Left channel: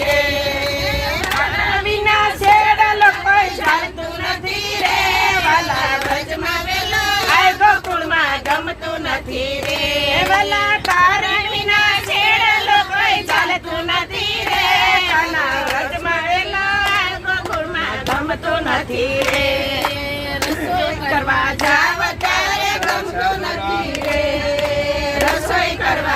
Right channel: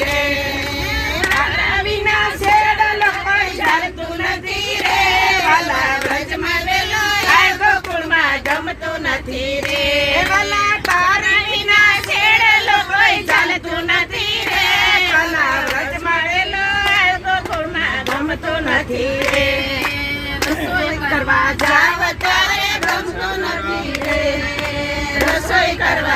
રે તારા વિના શેરડો કોઈ ચાલતું નથી રે વાલા વ્રજમાં વેલો આય ગોકુળમાં ગમતું નથી રે વાલા તારા વિના શેરડો કોઈ ચાલતું નથી રે વાલા વ્રજમાં વેલો આય ગોકુળમાં ગમતું નથી રે રસોઈ કરવા જાવ ત્યારે ગમતું નથી રે રસોઈ કરવા